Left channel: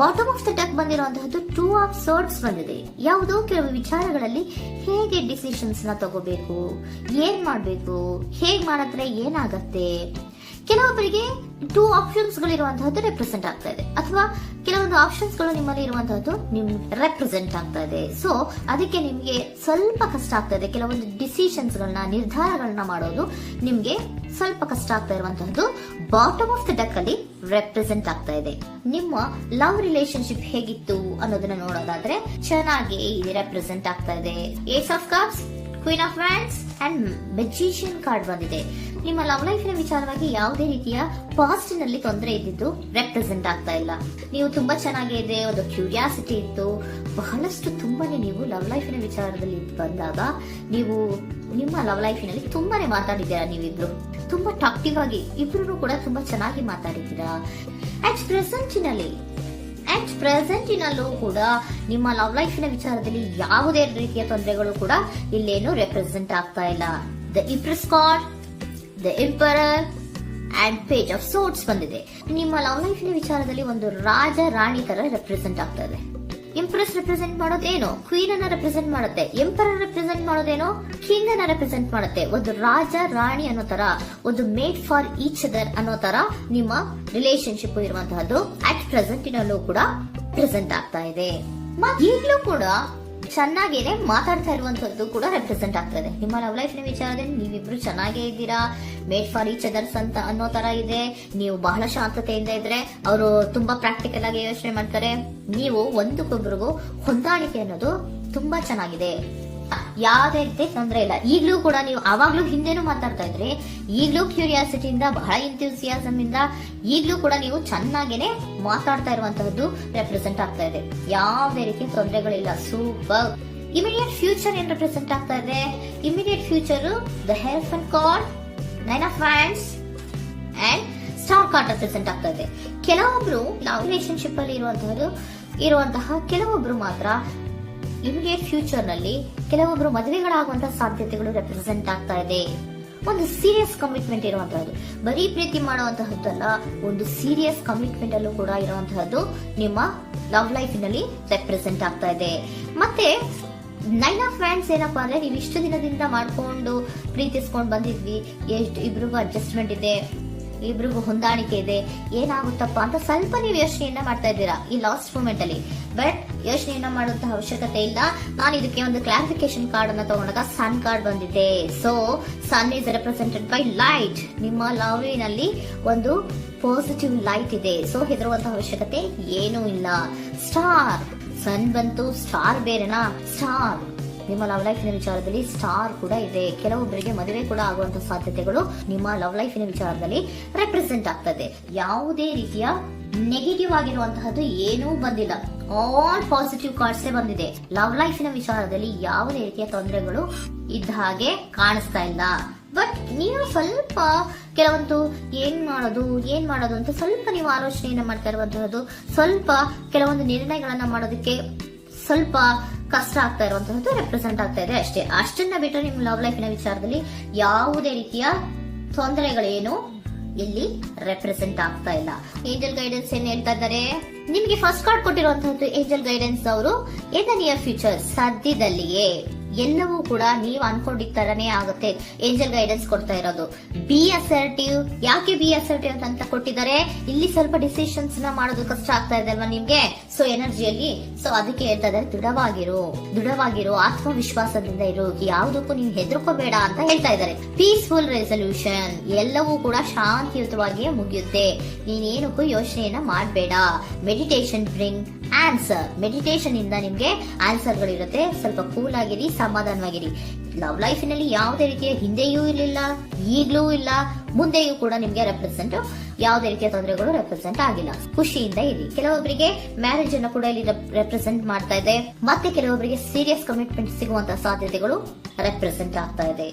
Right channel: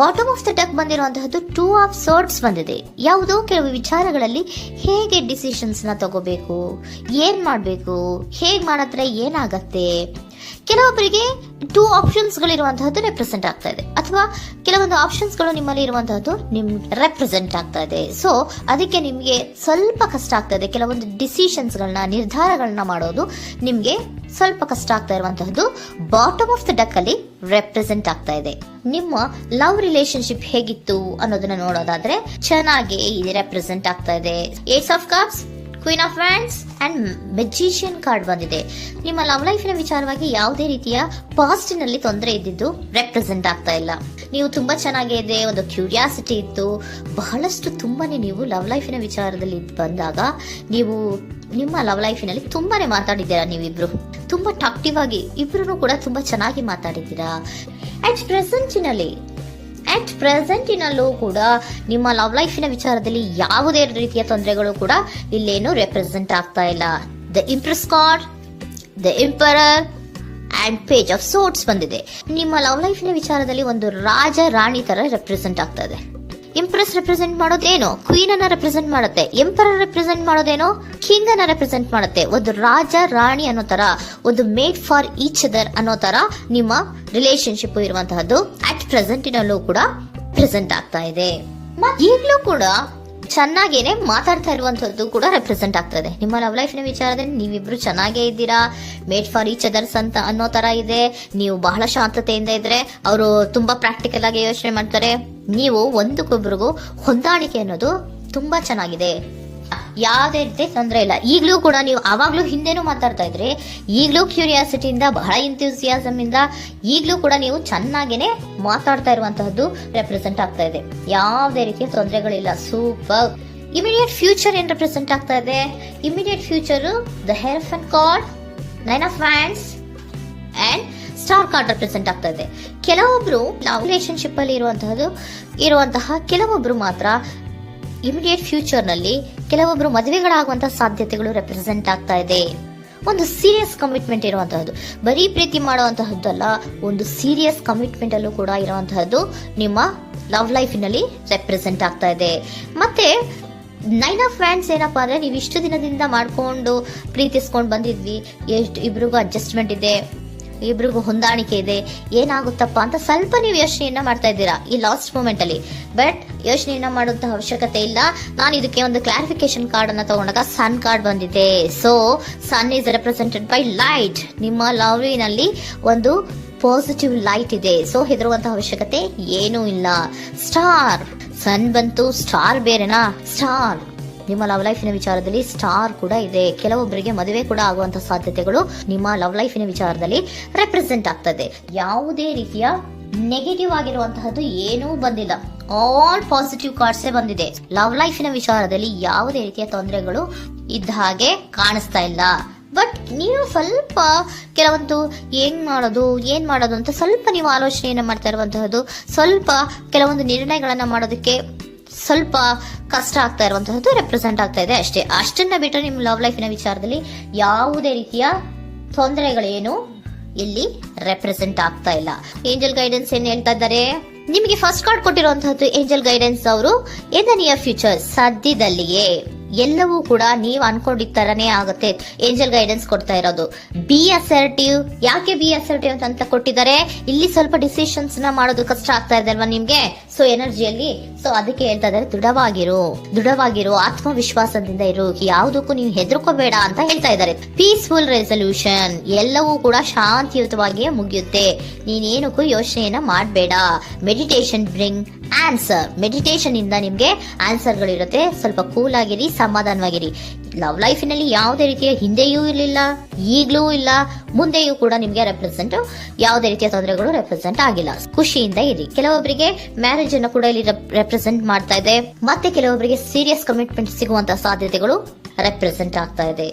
Bottom of the deck ಬಂದಿರುವಂತಹದ್ದು 2 of swords ಬಂದಿದೆ. ಯಾವುದೋ ಕೆಲವು ವಿಚಾರಗಳಲ್ಲಿ ಹೇಗೆ ಡಿಸಿಷನ್ಸ್ ನ ತಗೋಬೇಕು, ಏನ್ ಮಾಡ್ಬೇಕು, ಹೇಗ್ ಮಾಡಿದ್ರೆ ಏನಾಗತ್ತೆ. ಕೆಲವೊಬ್ಬರಿಗೆ 2 ಆಪ್ಷನ್ಸ್ ಗಳಿರುವಂತಹದ್ದು ರೆಪ್ರೆಸೆಂಟ್ ಆಗ್ತಾ ಇದೆ, ಅಥವಾ ಕೆಲವೊಂದು ಆಪ್ಷನ್ಸ್ ಗಳು ನಿಮ್ಮಲ್ಲಿ ಇರುವಂತಹದ್ದು ರೆಪ್ರೆಸೆಂಟ್ ಆಗ್ತಾ ಇದೆ. ಸೊ ಅದಕ್ಕೆ ನಿಮ್ಗೆ ಸ್ವಲ್ಪ ಕಷ್ಟ ಆಗ್ತಾ ಇದೆ. ಕೆಲವೊಂದು ಡಿಸಿಷನ್ಸ್ ಗಳನ್ನ, ನಿರ್ಧಾರಗಳನ್ನ ಮಾಡೋದು ನಿಮ್ಗೆ ಸ್ವಲ್ಪ ಕಷ್ಟ ಆಗ್ತಾ ಇರುವಂತಹದ್ದು ಬಾಟಮ್ ಆಫ್ ದ ಡೆಕ್ ಅಲ್ಲಿ ರೆಪ್ರೆಸೆಂಟ್ ಆಗ್ತಾ ಇದೆ. ನಿಮ್ಮ ಲವ್ ರಿಲೇಶನ್ಶಿಪ್ ಹೇಗಿತ್ತು ಅನ್ನೋದನ್ನ ನೋಡೋದಾದ್ರೆ ಚೆನ್ನಾಗಿ ಇಲ್ಲಿ ರೆಪ್ರೆಸೆಂಟ್ ಆಗ್ತಾ ಇದೆ. Ace of cups, queen of wands and magician card ಬಂದಿದೆ. ನಿಮ್ಮ ಲವ್ ಲೈಫ್ ನ ವಿಚಾರವಾಗಿ ಯಾವುದೇ ರೀತಿಯ ಪಾಸಿಟಿವ್ ತೊಂದರೆ ಇದ್ದಿದ್ದು ರೆಪ್ರೆಸೆಂಟ್ ಆಗ್ತಾ ಇಲ್ಲ. ನೀವು ತುಂಬಾ ಚೆನ್ನಾಗಿದೆ, ಒಂದು ಕ್ಯೂರಿಯಾಸಿಟಿ ಇತ್ತು, ಬಹಳಷ್ಟು ತುಂಬಾನೇ ನೀವು ಲವ್ ಲೈಫಿನ ವಿಚಾರದಲ್ಲಿ ಬಂದಾಗ ನೀವು ನಿಮ್ಮ ಲವ್ ಲೈಫಿನಲ್ಲಿ ತುಂಬಾನೇ ಮಾತಾಡಿದ್ದೀರಾ. ನೀವಿಬ್ರು ತುಂಬಾ ಟಾಕ್ಟಿವ್ ಆಗಿ ಇಬ್ರು ಕೂಡ ತುಂಬಾ ಚೆನ್ನಾಗಿ ಮಾತಾಡಿದ್ದೀರಾ. ಅಟ್ ಪ್ರೆಸೆಂಟಿನಲ್ಲೂ ಕೂಡ ನಿಮ್ಮ ಲವ್ ಲೈಫಿನ ವಿಚಾರದಲ್ಲಿ ಯಾವುದೇ ರೀತಿಯ ತೊಂದರೆಗಳು ಕೂಡ ಇಲ್ಲೇನು ರೆಪ್ರೆಸೆಂಟ್ ಆಗ್ತಾ ಇಲ್ಲ. The Impress card, the emperor and page of swords ಬಂದಿದೆ. ನಿಮ್ಮ ಲವ್ ಲೈಫಿನ ವಿಚಾರದಲ್ಲಿ ಒಂದು ರಾಜ ರಾಣಿ ತರ ರೆಪ್ರೆಸೆಂಟ್ ಆಗ್ತಾ ಇದೆ. ಇಂಪ್ರೆಸ್ ರೆಪ್ರೆಸೆಂಟ್ ಮಾಡೋದೇನೋ ಕ್ವೀನ್ ಅನ್ನ ರೆಪ್ರೆಸೆಂಟ್ ಮಾಡುತ್ತೆ, ಎಂಪರರ್ ರೆಪ್ರೆಸೆಂಟ್ ಮಾಡೋದೇನೋ ಕಿಂಗ್ ಅನ್ನ ರೆಪ್ರೆಸೆಂಟ್ ಮಾಡುತ್ತೆ. ಒಂದು ರಾಜ ರಾಣಿ ಅನ್ನೋ ತರ, ಒಂದು ಮೇಡ್ ಫಾರ್ ಈಚ್ ಅದರ್ ಅನ್ನೋ ತರ ನಿಮ್ಮ ರಿಲೇಶನ್ಶಿಪ್ ಇರುವಂತಹದ್ದು ಅಟ್ ಪ್ರೆಸೆಂಟಿನಲ್ಲೂ ಕೂಡ ಪ್ರೆಸೆಂಟ್ ಆಗ್ತಾ ಇದೆ. ಈಗಲೂ ಕೂಡ ಚೆನ್ನಾಗೇನೆ ಮಾತಾಡ್ತಾ ಇರುವಂತದ್ದು ಕೂಡ ರೆಪ್ರೆಸೆಂಟ್ ಆಗ್ತಾ ಇದೆ. ನಿಮ್ಮ ಲವ್ ಲೈಫ್ ನ ವಿಚಾರದಲ್ಲಿ ನೀವಿಬ್ರು ಚೆನ್ನಾಗೇ ಇದ್ದೀರಾ, ಮೇಡ್ ಫಾರ್ ಈಚ್ ಅದರ್ಸ್ ಅಂತ ಅನ್ನೋ ತರ ಇದೆ. ನೀವು ಬಹಳ ಶಾಂತತೆಯಿಂದ ಇದ್ರೆ ಅವರು ತುಂಬಾ ಪ್ರಾಕ್ಟಿಕಲ್ ಆಗಿ ಯೋಚನೆ ಮಾಡ್ತಾರೆ. ನೀವು ಒಂದಕ್ಕೊಬ್ರಿಗೂ ಹೊಂದಾಣಿಕೆ ಅನ್ನೋದು ತುಂಬಾ ಚೆನ್ನಾಗಿದೆ, ಯಾವುದೇ ರೀತಿ ತೊಂದರೆ ಇಲ್ಲ. ಈಗಲೂ ಕೂಡ ನೀವು ಅವಾಗ್ಲೂ ಹಿಂದೆನೂ ಮಾತಾಡ್ತಾ ಇದ್ರಿ, ಈಗಲೂ ಕ್ಯೂರಿಯಾಸಿಟಿಯಿಂದ, ಬಹಳ ಇಂಥ್ಯೂಸಿಯಾಸಮ್ ಇಂದ ಈಗಲೂ ಕೂಡ ನೀವು ಚೆನ್ನಾಗೇನೆ ಮಾತಾಡ್ತಾ ಇರುವಂತಹದ್ದು ರೆಪ್ರೆಸೆಂಟ್ ಆಗ್ತಾ ಇದೆ. ಯಾವುದೇ ರೀತಿಯ ತೊಂದರೆಗಳಿಲ್ಲ, ಸೂಪರ್. ಇಮಿಡಿಯೇಟ್ ಫ್ಯೂಚರ್ ಏನ್ ರೆಪ್ರೆಸೆಂಟ್ ಆಗ್ತಾ ಇದೆ? Immediate future the hierophant card, 9 of wands and star card represent ಆಗ್ತಾ ಇದೆ. ಕೆಲವೊಬ್ರು ಲವ್ ರಿಲೇಶನ್ಶಿಪ್ ಅಲ್ಲಿ ಇರುವಂತಹ ಕೆಲವೊಬ್ರು ಮಾತ್ರ ಇಮಿಡಿಯೇಟ್ ಫ್ಯೂಚರ್ ನಲ್ಲಿ ಕೆಲವೊಬ್ರು ಮದುವೆಗಳಾಗುವಂತಹ ಸಾಧ್ಯತೆಗಳು ರೆಪ್ರೆಸೆಂಟ್ ಆಗ್ತಾ ಇದೆ. ಒಂದು ಸೀರಿಯಸ್ ಕಮಿಟ್ಮೆಂಟ್ ಇರುವಂತಹದ್ದು, ಬರೀ ಪ್ರೀತಿ ಮಾಡುವಂತಹದ್ದಲ್ಲ, ಒಂದು ಸೀರಿಯಸ್ ಕಮಿಟ್ಮೆಂಟ್ ಅಲ್ಲೂ ಕೂಡ ಇರುವಂತಹದ್ದು ನಿಮ್ಮ ಲವ್ ಲೈಫಿನಲ್ಲಿ ರೆಪ್ರೆಸೆಂಟ್ ಆಗ್ತಾ ಇದೆ. ಮತ್ತೆ 9 ಆಫ್ ವ್ಯಾಂಡ್ಸ್ ಏನಪ್ಪಾ ಅಂದ್ರೆ, ನೀವು ಇಷ್ಟು ದಿನದಿಂದ ಮಾಡ್ಕೊಂಡು ಪ್ರೀತಿಸ್ಕೊಂಡು ಬಂದಿದ್ವಿ, ಇಬ್ರಿಗೂ ಅಡ್ಜಸ್ಟ್ಮೆಂಟ್ ಇದೆ, ಇಬ್ರಿಗೂ ಹೊಂದಾಣಿಕೆ ಇದೆ, ಏನಾಗುತ್ತಪ್ಪ ಅಂತ ಸ್ವಲ್ಪ ನೀವು ಯೋಚನೆಯನ್ನ ಮಾಡ್ತಾ ಇದ್ದೀರಾ ಈ ಲಾಸ್ಟ್ ಮೂಮೆಂಟ್ ಅಲ್ಲಿ. ಬಟ್ ಯೋಚನೆಯನ್ನ ಮಾಡುವಂತ ಅವಶ್ಯಕತೆ ಇಲ್ಲ. ನಾನು ಇದಕ್ಕೆ ಒಂದು ಕ್ಲಾರಿಫಿಕೇಶನ್ ಕಾರ್ಡ್ ಅನ್ನ ತಗೊಂಡಾಗ ಸನ್ ಕಾರ್ಡ್ ಬಂದಿದೆ. So sun is represented by light. ನಿಮ್ಮ ಲವ್ನಲ್ಲಿ ಒಂದು ಪಾಸಿಟಿವ್ ಲೈಟ್ ಇದೆ. ಸೊ ಹೆದರುವಂತಹ ಅವಶ್ಯಕತೆ ಏನೂ ಇಲ್ಲ. ಸ್ಟಾರ್, ಸನ್ ಬಂತು, ಸ್ಟಾರ್ ಬೇರೆನಾ? ಸ್ಟಾರ್ ನಿಮ್ಮ ಲವ್ ಲೈಫಿನ ವಿಚಾರದಲ್ಲಿ ಸ್ಟಾರ್ ಕೂಡ ಇದೆ. ಕೆಲವೊಬ್ಬರಿಗೆ ಮದುವೆ ಕೂಡ ಆಗುವಂತಹ ಸಾಧ್ಯತೆಗಳು ನಿಮ್ಮ ಲವ್ ಲೈಫಿನ ವಿಚಾರದಲ್ಲಿ ರೆಪ್ರೆಸೆಂಟ್ ಆಗ್ತದೆ. ಯಾವುದೇ ರೀತಿಯ ನೆಗೆಟಿವ್ ಆಗಿರುವಂತಹದ್ದು ಏನೂ ಬಂದಿಲ್ಲ, ಆಲ್ ಪಾಸಿಟಿವ್ ಕಾರ್ಡ್ಸ್ ಬಂದಿದೆ. ಲವ್ ಲೈಫಿನ ವಿಚಾರದಲ್ಲಿ ಯಾವುದೇ ರೀತಿಯ ತೊಂದರೆಗಳು ಇದ್ದ ಹಾಗೆ ಕಾಣಿಸ್ತಾ ಇಲ್ಲ. ಬಟ್ ನೀವು ಸ್ವಲ್ಪ ಕೆಲವೊಂದು ಏನ್ ಮಾಡೋದು ಅಂತ ಸ್ವಲ್ಪ ನೀವು ಆಲೋಚನೆಯನ್ನ ಮಾಡ್ತಾ ಇರುವಂತಹದ್ದು, ಸ್ವಲ್ಪ ಕೆಲವೊಂದು ನಿರ್ಣಯಗಳನ್ನ ಮಾಡೋದಕ್ಕೆ ಸ್ವಲ್ಪ ಕಷ್ಟ ಆಗ್ತಾ ಇರುವಂತಹದ್ದು ರೆಪ್ರೆಸೆಂಟ್ ಆಗ್ತಾ ಇದೆ ಅಷ್ಟೇ. ಅಷ್ಟನ್ನ ಬಿಟ್ಟರೆ ನಿಮ್ಮ ಲವ್ ಲೈಫಿನ ವಿಚಾರದಲ್ಲಿ ಯಾವುದೇ ರೀತಿಯ ತೊಂದರೆಗಳೇನು ಇಲ್ಲಿ ರೆಪ್ರೆಸೆಂಟ್ ಆಗ್ತಾ ಇಲ್ಲ. ಏಂಜಲ್ ಗೈಡೆನ್ಸ್ ಏನ್ ಹೇಳ್ತಾ ಇದ್ದಾರೆ? ನಿಮಗೆ ಫಸ್ಟ್ ಕಾರ್ಡ್ ಕೊಟ್ಟಿರುವಂತಹದ್ದು ಏಂಜಲ್ ಗೈಡೆನ್ಸ್ ಅವರು ಇನ್ ದ ನಿಯರ್ ಫ್ಯೂಚರ್, ಸದ್ಯದಲ್ಲಿಯೇ ಎಲ್ಲವೂ ಕೂಡ ನೀವು ಅನ್ಕೊಂಡಿದ್ದ ತರನೇ ಆಗುತ್ತೆ. ಏಂಜಲ್ ಗೈಡೆನ್ಸ್ ಕೊಡ್ತಾ ಇರೋದು ಬಿ ಅಸರ್ಟಿವ್. ಯಾಕೆ ಬಿ ಅಸರ್ಟಿವ್ ಅಂತ ಕೊಟ್ಟಿದ್ದಾರೆ? ಇಲ್ಲಿ ಸ್ವಲ್ಪ ಡಿಸಿಷನ್ಸ್ ನ ಮಾಡೋದು ಕಷ್ಟ ಆಗ್ತಾ ಇದೆ ಅಲ್ವಾ ನಿಮ್ಗೆ, ಸೊ ಎನರ್ಜಿಯಲ್ಲಿ. ಸೊ ಅದಕ್ಕೆ ಹೇಳ್ತಾ ಇದ್ದಾರೆ ದೃಢವಾಗಿರು, ಆತ್ಮವಿಶ್ವಾಸದಿಂದ ಇರು, ಯಾವುದಕ್ಕೂ ನೀವು ಹೆದರ್ಕೋಬೇಡ ಅಂತ ಹೇಳ್ತಾ ಇದ್ದಾರೆ. ಪೀಸ್ಫುಲ್ ರೆಸಲ್ಯೂಷನ್, ಎಲ್ಲವೂ ಕೂಡ ಶಾಂತಿಯುತವಾಗಿಯೇ ಮುಗಿಯುತ್ತೆ, ನೀನೇನಕ್ಕೂ ಯೋಚನೆಯನ್ನ ಮಾಡಬೇಡ. ಮೆಡಿಟೇಷನ್ ಬ್ರಿಂಗ್ ಆನ್ಸರ್, ಮೆಡಿಟೇಷನ್ ಇಂದ ನಿಮ್ಗೆ ಆನ್ಸರ್ ಗಳಿರುತ್ತೆ. ಸ್ವಲ್ಪ ಕೂಲ್ ಆಗಿರಿ, ಸಮಾಧಾನವಾಗಿರಿ. ಲವ್ ಲೈಫಿನಲ್ಲಿ ಯಾವುದೇ ರೀತಿಯ ಹಿಂದೆಯೂ ಇರಲಿಲ್ಲ, ಈಗಲೂ ಇಲ್ಲ, ಮುಂದೆಯೂ ಕೂಡ ನಿಮ್ಗೆ ಯಾವುದೇ ರೀತಿಯ ತೊಂದರೆಗಳು ರೆಪ್ರೆಸೆಂಟ್ ಆಗಿಲ್ಲ. ಖುಷಿಯಿಂದ ಇರಿ. ಕೆಲವೊಬ್ಬರಿಗೆ ಮ್ಯಾರೇಜ್ ಅನ್ನು ಕೂಡ ಇಲ್ಲಿ ರೆಪ್ರೆಸೆಂಟ್ ಮಾಡ್ತಾ ಇದೆ. ಮತ್ತೆ ಕೆಲವೊಬ್ಬರಿಗೆ ಸೀರಿಯಸ್ ಕಮಿಟ್ಮೆಂಟ್ ಸಿಗುವಂತಹ ಸಾಧ್ಯತೆಗಳು ರೆಪ್ರೆಸೆಂಟ್ ಆಗ್ತಾ ಇದೆ.